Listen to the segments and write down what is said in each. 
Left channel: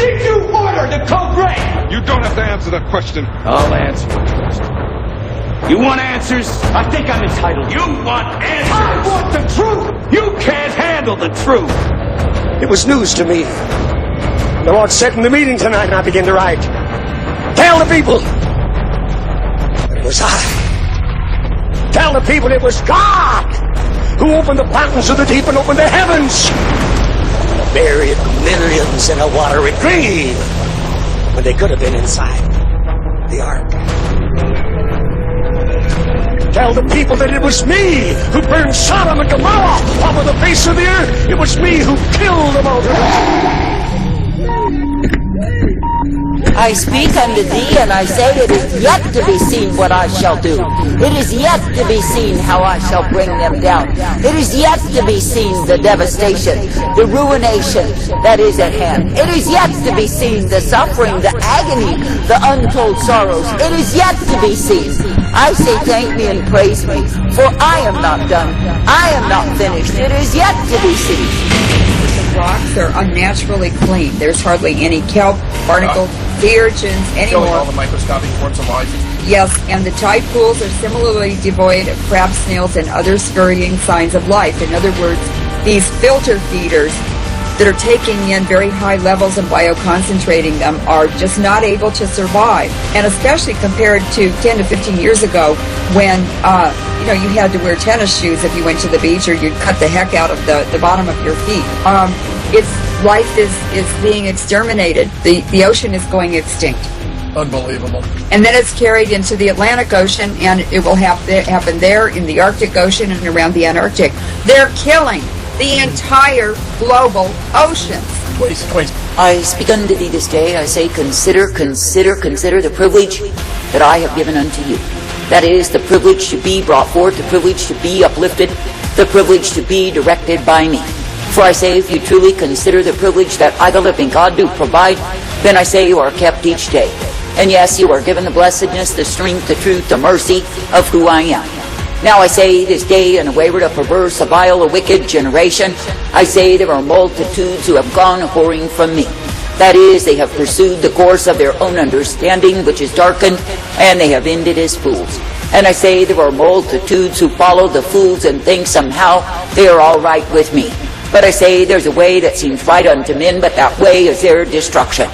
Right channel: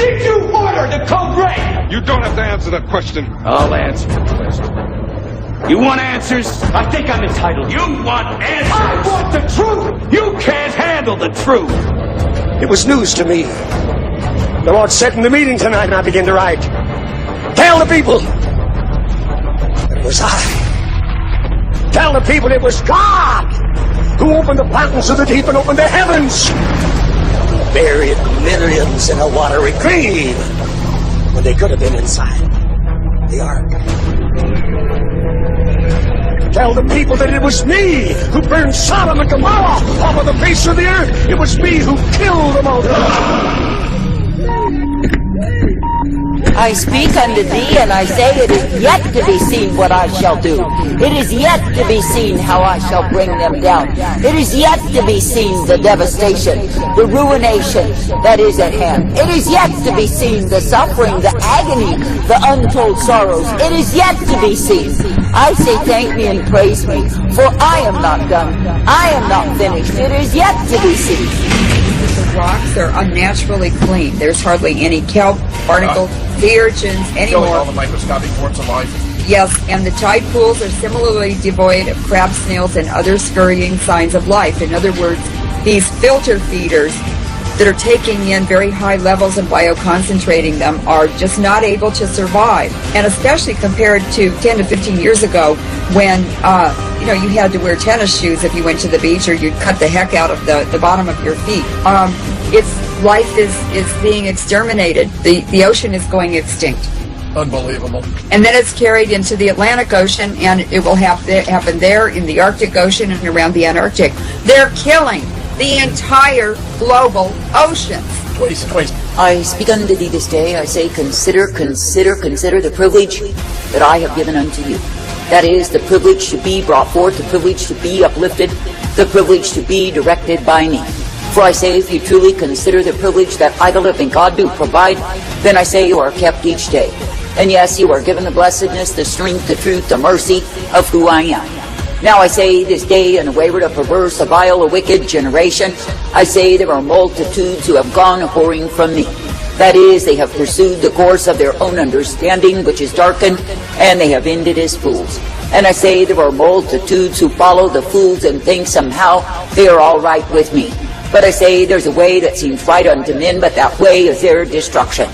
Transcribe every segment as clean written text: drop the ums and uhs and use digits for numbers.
Did you order the code red? You don't have to answer that question. I'll answer the question. You want answers? I think I'm entitled. You want answers? I want the truth! You can't handle the truth! It was news to me. The Lord said in the meeting tonight, and I began to write, tell the people that it was I. Tell the people it was God who opened the fountains of the deep and opened the heavens. Buried millions in a watery grave when they could have been inside the ark. Tell the people that it was me who burned Sodom and Gomorrah over the face of the earth. It was me who killed them all. I speak unto thee, and I say, it is yet to be seen what I shall do. It is yet to be seen how I shall bring them down. It is yet to be seen the devastation, the ruination that is at hand. It is yet to be seen the suffering, the agony, the untold sorrows. It is yet to be seen. I say thank me and praise me, for I am not done. I am not finished. It is yet to be seen. The rocks are unnaturally clean. There's hardly any kelp, barnacles, sea urchins anymore. All the microscopic forms of life. Yes, and the tide pools are similarly devoid of crab, snails, and other scurrying signs of life. In other words, these filter feeders that are taking in very high levels and bioconcentrating them are just not able to survive. And especially compared to 10 to 15 years ago when, you had to wear tennis shoes if you went to the beach, or you'd cut the heck out of the bottom of your feet. Life is being exterminated. The ocean is going extinct. Unbelievable. And then it's carried into the Atlantic Ocean, and it will happen there, in the Arctic Ocean, and around the Antarctic. They're killing the entire global oceans. Twice. I speak unto thee this day, I say, consider the privilege that I have given unto you. That is, the privilege to be brought forth, the privilege to be uplifted, the privilege to be directed by me. For I say, if you truly consider the privilege that I, the living God, do provide, then I say you are kept each day. And yes, you are given the blessedness, the strength, the truth, the mercy of who I am. Now I say this day, in a wayward, a perverse, a vile, a wicked generation, I say there are multitudes who have gone whoring from me. That is, they have pursued the course of their own understanding, which is darkened, and they have ended as fools. And I say there are multitudes who follow the fools and think somehow they are all right with me. But I say there's a way that seems right unto men, but that way is their destruction.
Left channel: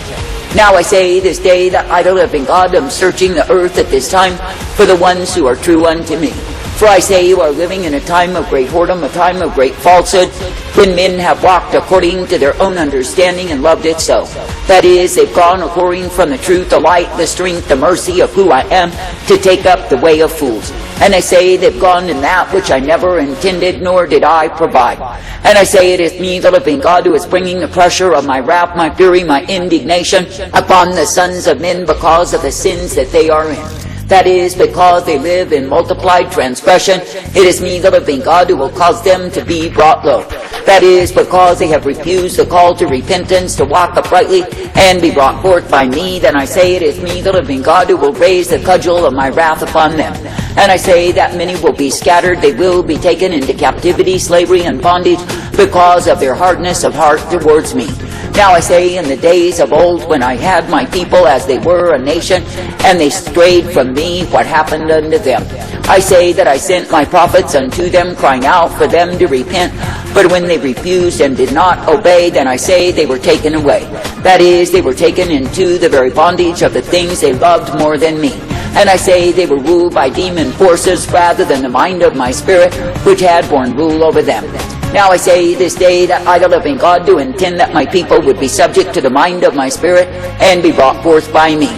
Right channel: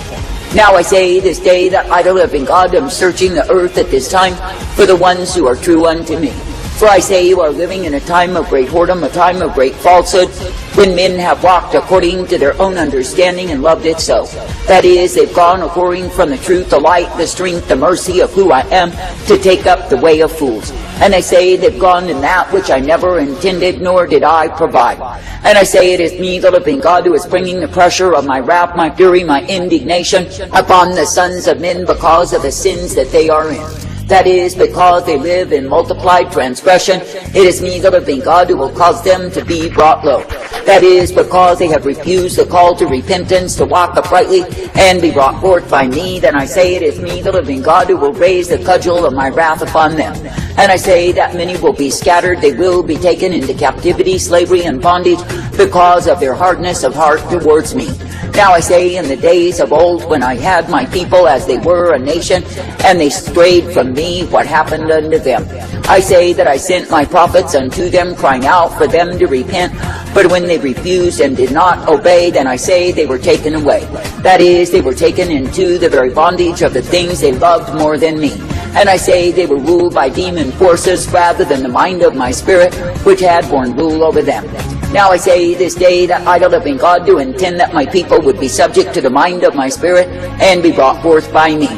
Now I say this day that I, the living God, am searching the earth at this time for the ones who are true unto me. For I say you are living in a time of great whoredom, a time of great falsehood, when men have walked according to their own understanding and loved it so. That is, they've gone a-whoring from the truth, the light, the strength, the mercy of who I am, to take up the way of fools. And I say they've gone in that which I never intended, nor did I provide. And I say it is me, the living God, who is bringing the pressure of my wrath, my fury, my indignation upon the sons of men because of the sins that they are in. That is, because they live in multiplied transgression, it is me, the living God, who will cause them to be brought low. That is, because they have refused the call to repentance, to walk uprightly, and be brought forth by me, then I say it is me, the living God, who will raise the cudgel of my wrath upon them. And I say that many will be scattered, they will be taken into captivity, slavery, and bondage, because of their hardness of heart towards me. Now I say, in the days of old, when I had my people as they were a nation, and they strayed from me, what happened unto them? I say that I sent my prophets unto them, crying out for them to repent. But when they refused and did not obey, then I say they were taken away. That is, they were taken into the very bondage of the things they loved more than me. And I say they were ruled by demon forces rather than the mind of my spirit, which had borne rule over them. Now I say this day that I, the living God, do intend that my people would be subject to the mind of my spirit and be brought forth by me.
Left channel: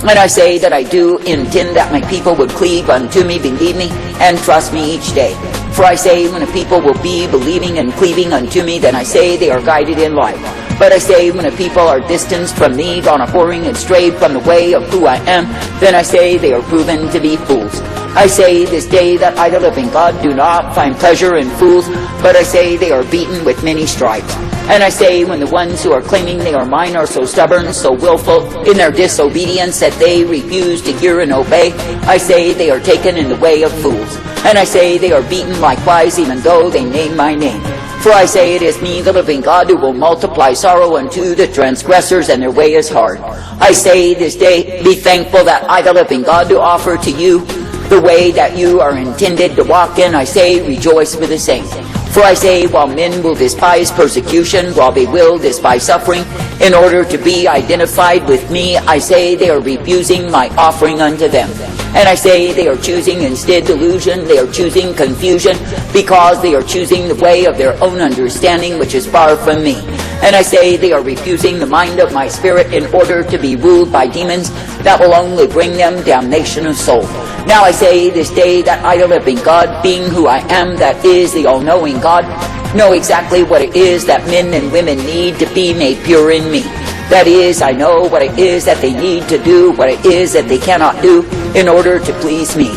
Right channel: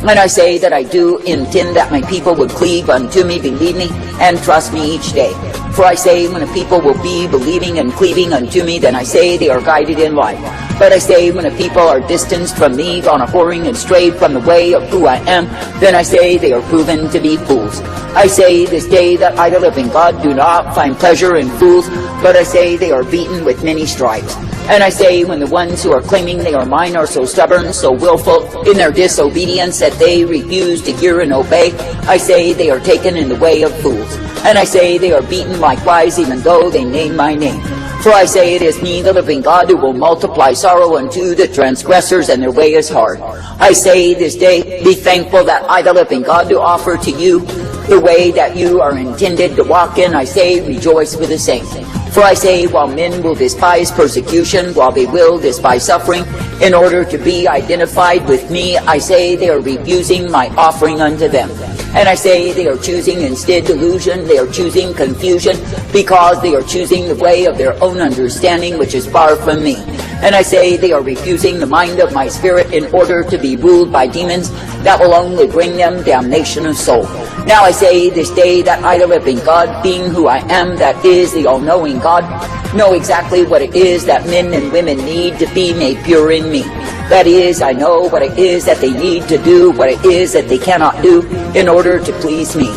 And I say that I do intend that my people would cleave unto me, believe me, and trust me each day. For I say when a people will be believing and cleaving unto me, then I say they are guided in life. But I say when a people are distanced from me, gone a-whoring and strayed from the way of who I am, then I say they are proven to be fools. I say this day that I, the living God, do not find pleasure in fools, but I say they are beaten with many stripes. And I say when the ones who are claiming they are mine are so stubborn, so willful in their disobedience that they refuse to hear and obey, I say they are taken in the way of fools. And I say they are beaten likewise, even though they name my name. For I say it is me, the living God, who will multiply sorrow unto the transgressors, and their way is hard. I say this day, be thankful that I, the living God, do offer to you the way that you are intended to walk in. I say, rejoice with the saints. For I say, while men will despise persecution, while they will despise suffering, in order to be identified with me, I say they are refusing my offering unto them. And I say they are choosing instead delusion, they are choosing confusion, because they are choosing the way of their own understanding, which is far from me. And I say they are refusing the mind of my spirit in order to be ruled by demons that will only bring them damnation of soul. Now I say this day that I, the living God, being who I am, that is the all-knowing God, know exactly what it is that men and women need to be made pure in me. That is, I know what it is that they need to do, what it is that they cannot do in order to please me.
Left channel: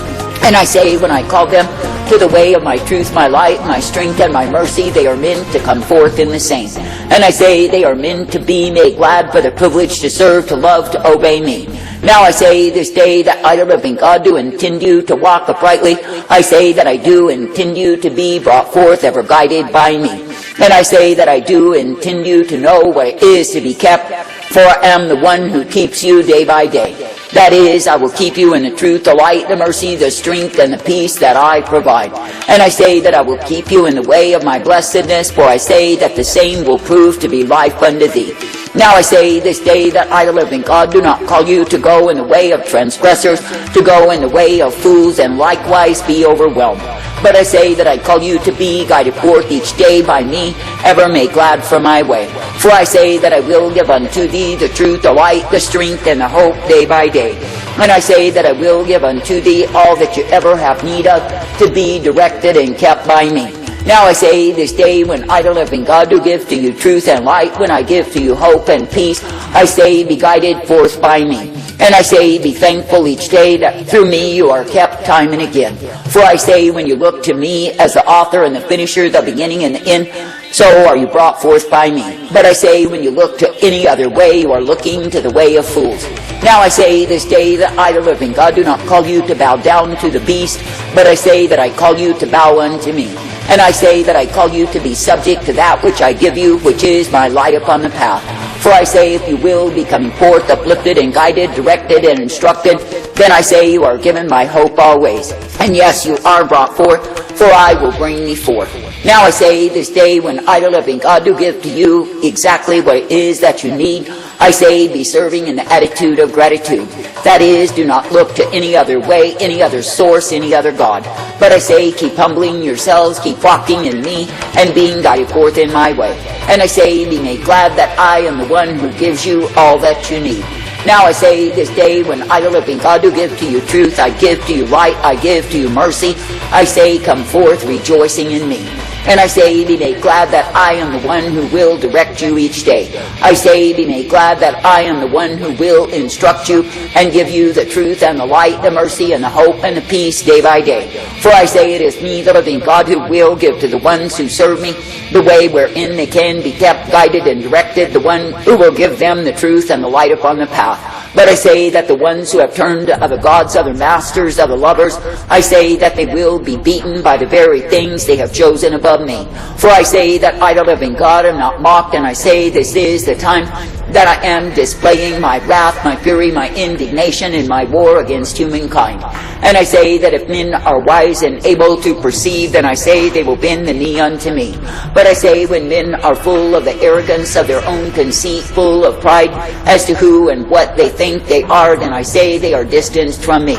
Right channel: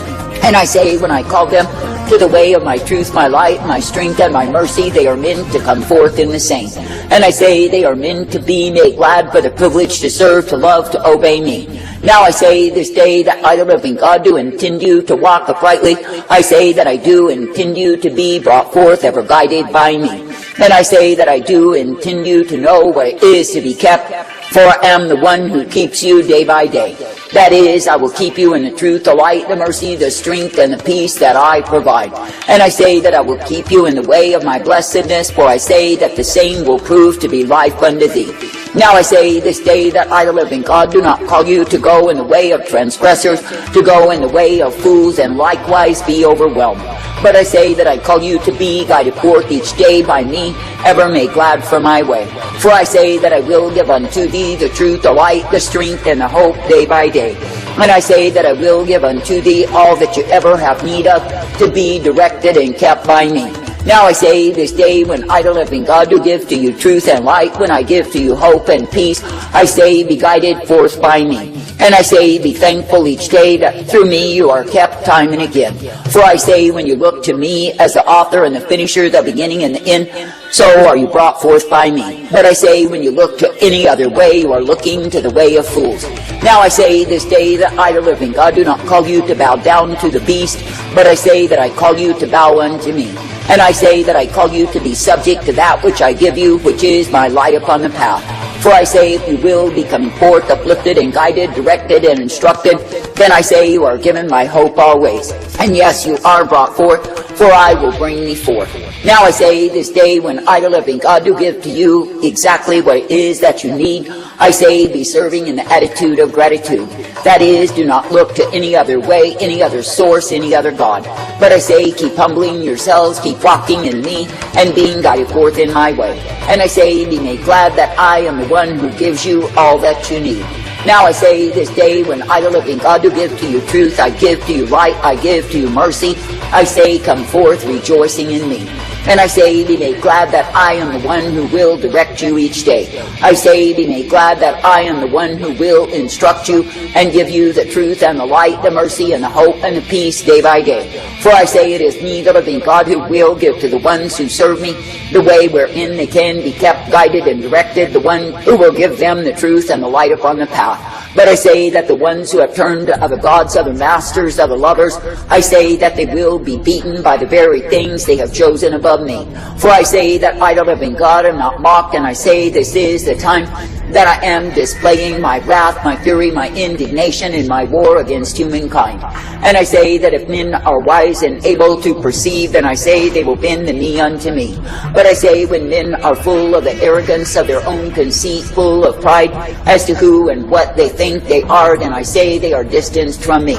And I say, when I call them to the way of my truth, my light, my strength, and my mercy, they are meant to come forth in the same. And I say they are meant to be made glad for the privilege to serve, to love, to obey me. Now I say this day that I, the living God, do intend you to walk uprightly. I say that I do intend you to be brought forth, ever guided by me. And I say that I do intend you to know what it is to be kept, for I am the one who keeps you day by day. That is, I will keep you in the truth, the light, the mercy, the strength, and the peace that I provide. And I say that I will keep you in the way of my blessedness, for I say that the same will prove to be life unto thee. Now I say this day that I, the living God, do not call you to go in the way of transgressors, to go in the way of fools, and likewise be overwhelmed. But I say that I call you to be guided forth each day by me, ever made glad for my way. For I say that I will give unto thee the truth, the light, the strength, and the hope day by day. And I say that I will give unto thee all that you ever have need of, to be directed and kept by me. Now I say this day, when I, the living God, do give to you truth and light, when I give to you hope and peace, I say be guided forth by me. And I say be thankful each day that through me you are kept time and again. For I say when you look to me as the author and the finisher, the beginning and the end, so are you brought forth by me. But I say when you look to any other way, you are looking to the way of fools. Now I say this day that I, the living God, do not call you to bow down to the beast, but I say that I call you to bow unto me. And I say that I call you to be subject to that which I give you, which is my light upon the path. For I say if you will be coming forth, uplifted and guided, directed and instructed, then I say you are given my hope always. And yes, you are brought forth, for I will bring thee forth. Now I say this day, when I, the living God, do give to you exactly what it is that you need, I say be serving in the attitude of gratitude. That is, do not look to any other way, any other source, any other God. But I say keep humbling yourselves, keep walking in me, and being guided forth in my way. And I say be made glad that I am the one who gives you all that you need. Now I say this day, when I, the living God, do give to you truth, I give to you light, I give to you mercy, I say come forth rejoicing in me. And I say be made glad that I am the one who will direct you each day. I say be made glad that I am the one who will instruct you and give you the truth and the light, the mercy and the hope and the peace day by day. For I say it is me, the living God, who will give to the ones who serve me the way wherein they can be kept, guided and directed, the one who will give them the truth and the light upon the path. But I say that the ones who have turned to other gods, other masters, other lovers, I say that they will be beaten by the very things they have chosen above me. For I say that I, the living God, am not mocked, and I say this is the time that I am displaying my wrath, my fury, my indignation in my war against humankind. And I say that if men are wise and able to perceive, then I say they will bend the knee unto me. But I say when men are full of the arrogance of their own conceit, full of pride as to who and what they think they are, then I say they are distanced from me.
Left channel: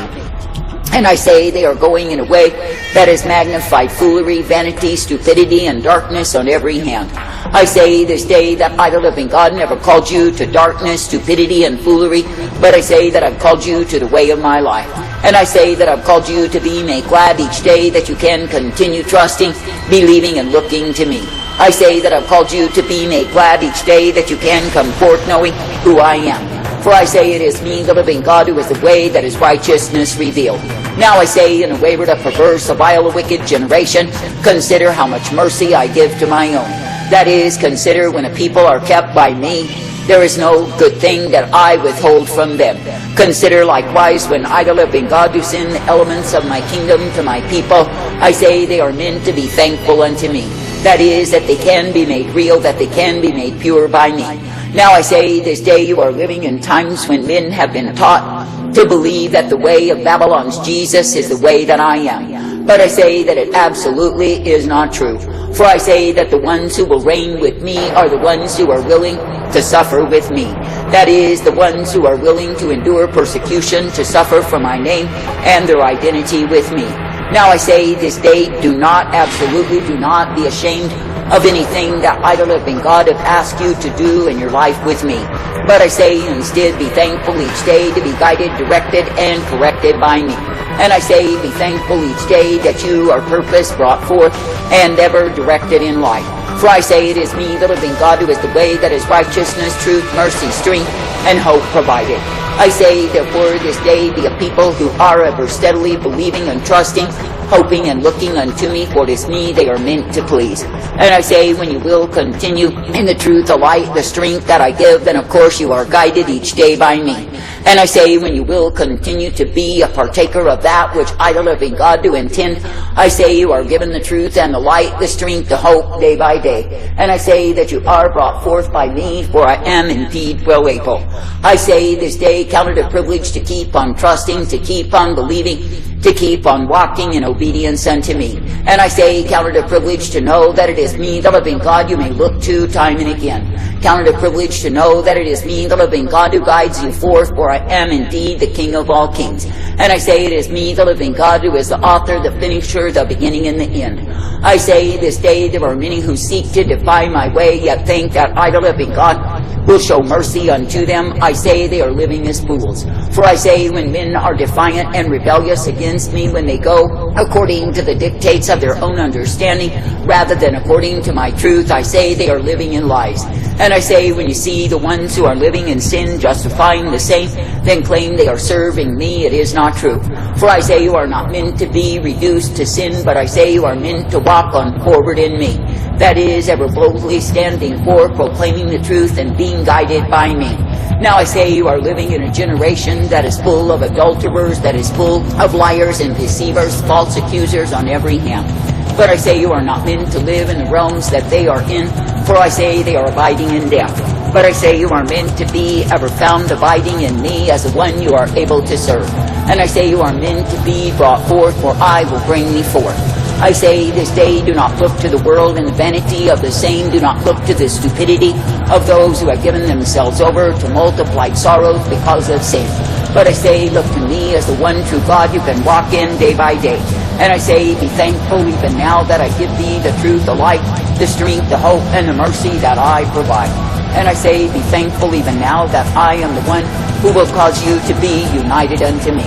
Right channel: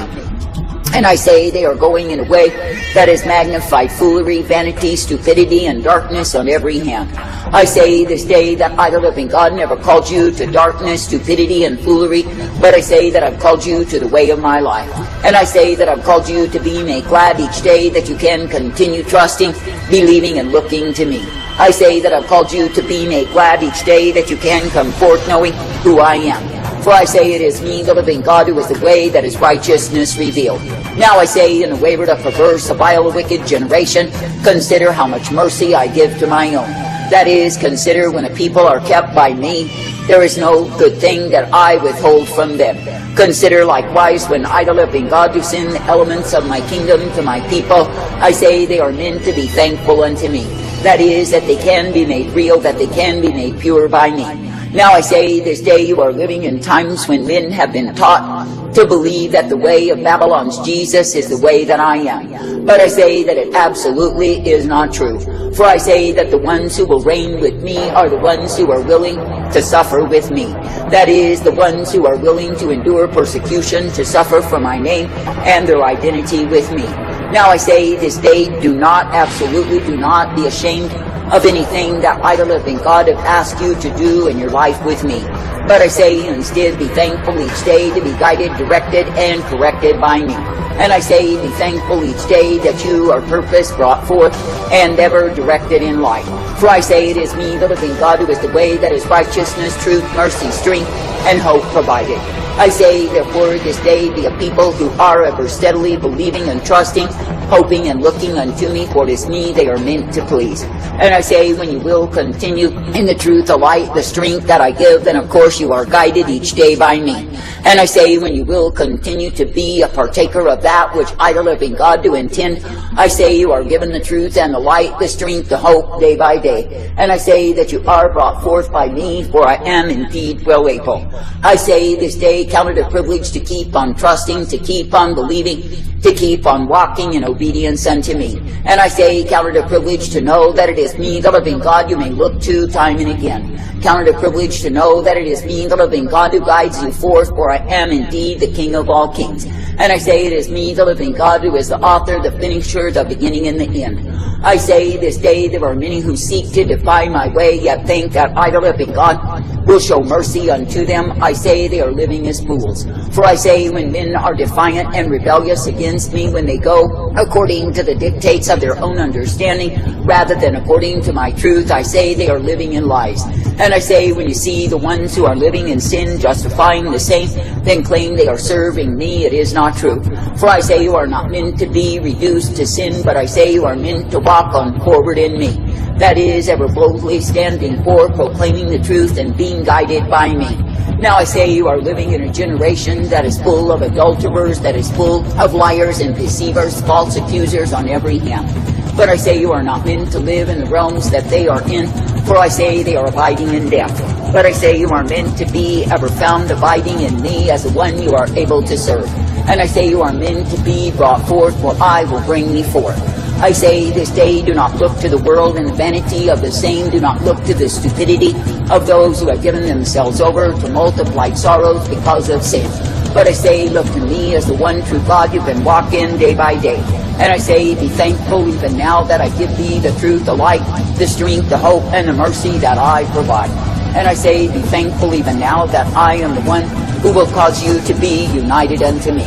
And I say they are going in a way that is magnified foolery, vanity, stupidity, and darkness on every hand. I say this day that I, the living God, never called you to darkness, stupidity, and foolery, but I say that I've called you to the way of my life. And I say that I've called you to be made glad each day, that you can continue trusting, believing, and looking to me. I say that I've called you to be made glad each day, that you can come forth knowing who I am. For I say it is me, the living God, who is the way that is righteousness revealed. Now I say, in a wayward, a perverse, a vile, a wicked generation, consider how much mercy I give to my own. That is, consider when a people are kept by me, there is no good thing that I withhold from them. Consider likewise when I, the living God, do send the elements of my kingdom to my people, I say they are men to be thankful unto me. That is, that they can be made real, that they can be made pure by me. Now I say this day you are living in times when men have been taught to believe that the way of Babylon's Jesus is the way that I am. But I say that it absolutely is not true. For I say that the ones who will reign with me are the ones who are willing to suffer with me. That is, the ones who are willing to endure persecution, to suffer for my name and their identity with me. Now I say this day, absolutely do not be ashamed of anything that idol-living God have asked you to do in your life with me. But I say instead, be thankful each day to be guided, directed, and corrected by me. And I say, be thankful each day that you are purpose brought forth and ever directed in life. For I say it is me, the living God, who is the way that is righteousness, truth, mercy, strength, and hope provided. I say, therefore, this day be a people who are ever steadily believing and trusting, hoping and looking unto me, for it is me they are meant to please. And I say, when you will continue in the truth, the light, the strength that I give, then of course you are guided each day by me. And I say, when you will continue to be a partaker of that which I don't know God do intend, I say you are given the truth and the light, the strength, the hope, day by day. And I say that you are brought forth by me, for I am indeed well able. I say this day, count it a privilege to keep on trusting, to keep on believing, to keep on walking in obedience unto me. And I say, count it a privilege to know that it is me, the living God, you may look to time and again. Count it a privilege to know that it is me, the living God, who guides you forth, for I am indeed the King of all kings. And I say, it is me, the living God, who is the author, the finisher, the beginning and the end. I say, this day there are many who seek to defy my way, yet think that I, the living God, will show mercy unto them. I say they are living as fools. For I say, when men are defiant and rebellious against me, when they go according to the dictates of their own understanding, rather than according to my truth, I say they are living in lies. And I say, when you see the ones who are living in sin, justifying the same, then claim they are serving me, it is not true. For I say you are not meant to be reduced to sin, but I say you are meant to walk on forward in me. That is, ever boldly standing forth, proclaiming the truth and being guided by me. Now I say you are living in a generation that is full of adulterers, that is full of liars and deceivers, false accusers on every hand. But I say you are not meant to live in the realms that they are in, for I say they are abiding in death. But I say you are meant to be ever found abiding in me as the one you are able to serve. And I say you are meant to be brought forth, for I will bring thee forth. I say this day, do not look to the world and the vanity of the same. Do not look to the stupidity of those who have given themselves over to multiplied sorrows because of sin. But I say, look to me as the one true God you can walk in day by day. And I say, be thankful even now that I give thee the truth, the light, the strength, the hope, and the mercy that I provide. And I say, be thankful even now that I am the one who will cause you to be united unto me.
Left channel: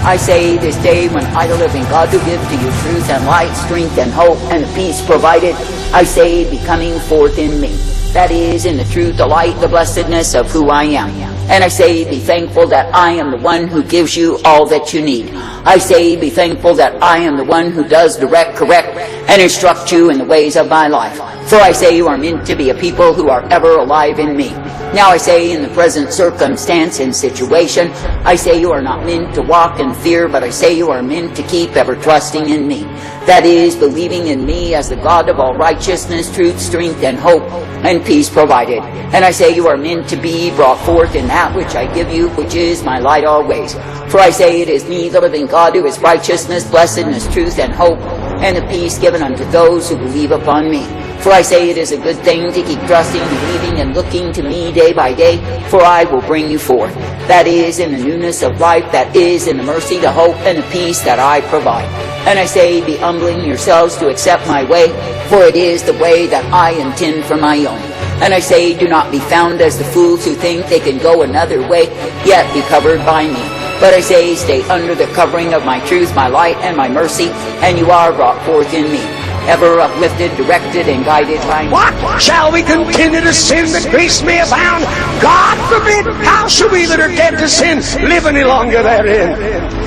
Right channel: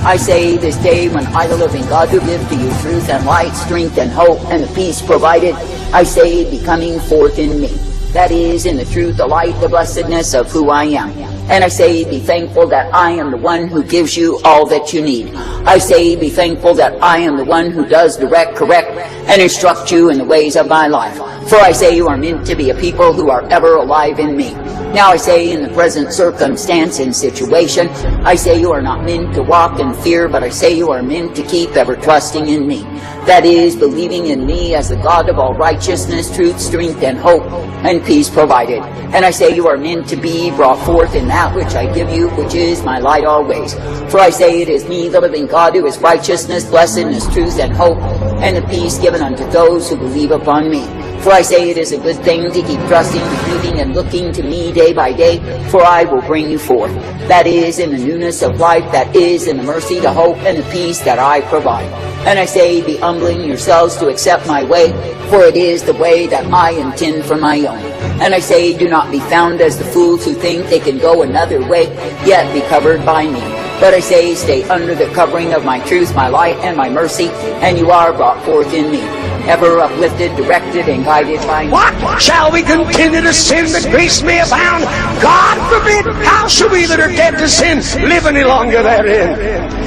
I say this day, when I, the living God, do give to you truth and light, strength and hope, and the peace provided, I say, be coming forth in me. That is, in the truth, the light, the blessedness of who I am. And I say, be thankful that I am the one who gives you all that you need. I say, be thankful that I am the one who does direct, correct, and instruct you in the ways of my life. For I say you are meant to be a people who are ever alive in me. Now I say, in the present circumstance and situation, I say you are not meant to walk in fear, but I say you are meant to keep ever trusting in me. That is, believing in me as the God of all righteousness, truth, strength, and hope, and peace provided. And I say you are meant to be brought forth in that which I give you, which is my light always. For I say it is me, the living God, who is righteousness, blessedness, truth, and hope, and the peace given unto those who believe upon me. For I say it is a good thing to keep trusting, believing, and looking to me day by day, for I will bring you forth. That is, in the newness of life, that is, in the mercy, the hope, and the peace that I provide. And I say, be humbling yourselves to accept my way, for it is the way that I intend for my own. And I say, do not be found as the fools who think they could go another way, yet be covered by me. But I say, stay under the covering of my truth, my light, and my mercy, and you are brought forth in me, ever uplifted, directed, and guided by me. What? Shall we continue to sin that grace may abound? God forbid! How shall we that are dead to sin live any longer therein?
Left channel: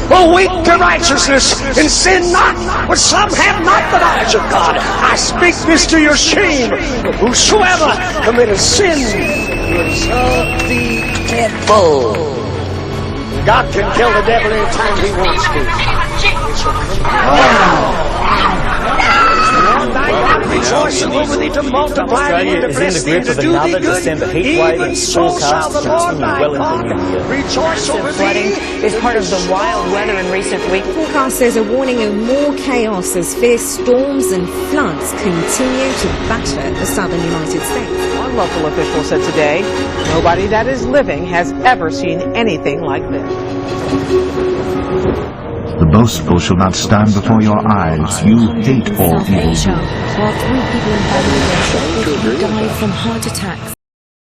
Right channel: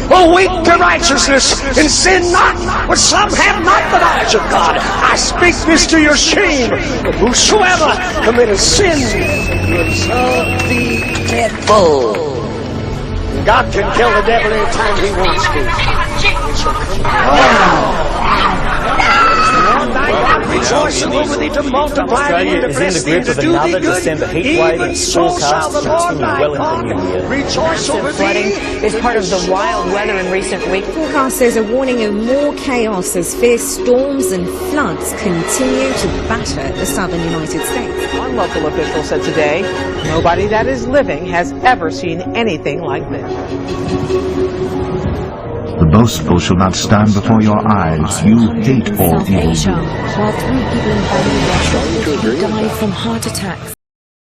O weak to righteousness, and sin not, but some have not the knowledge of God. I speak this to your shame. Whosoever committeth sin will serve the devil. God can kill the devil anytime he wants to. rejoicing over thee to multiply thee and to bless thee and to do thee good. Even so shall the Lord thy God rejoice over Flooding thee. is part of the wild weather in recent weeks. Forecasters are warning of more chaos as fierce storms and floods continue to batter the southern United States. One local official said today, nobody that is living has ever seen anything like this. The boastful shall not stand before your eyes. You hate all South evil. Asia, while 3 people in Bangladesh reportedly died from heart attacks.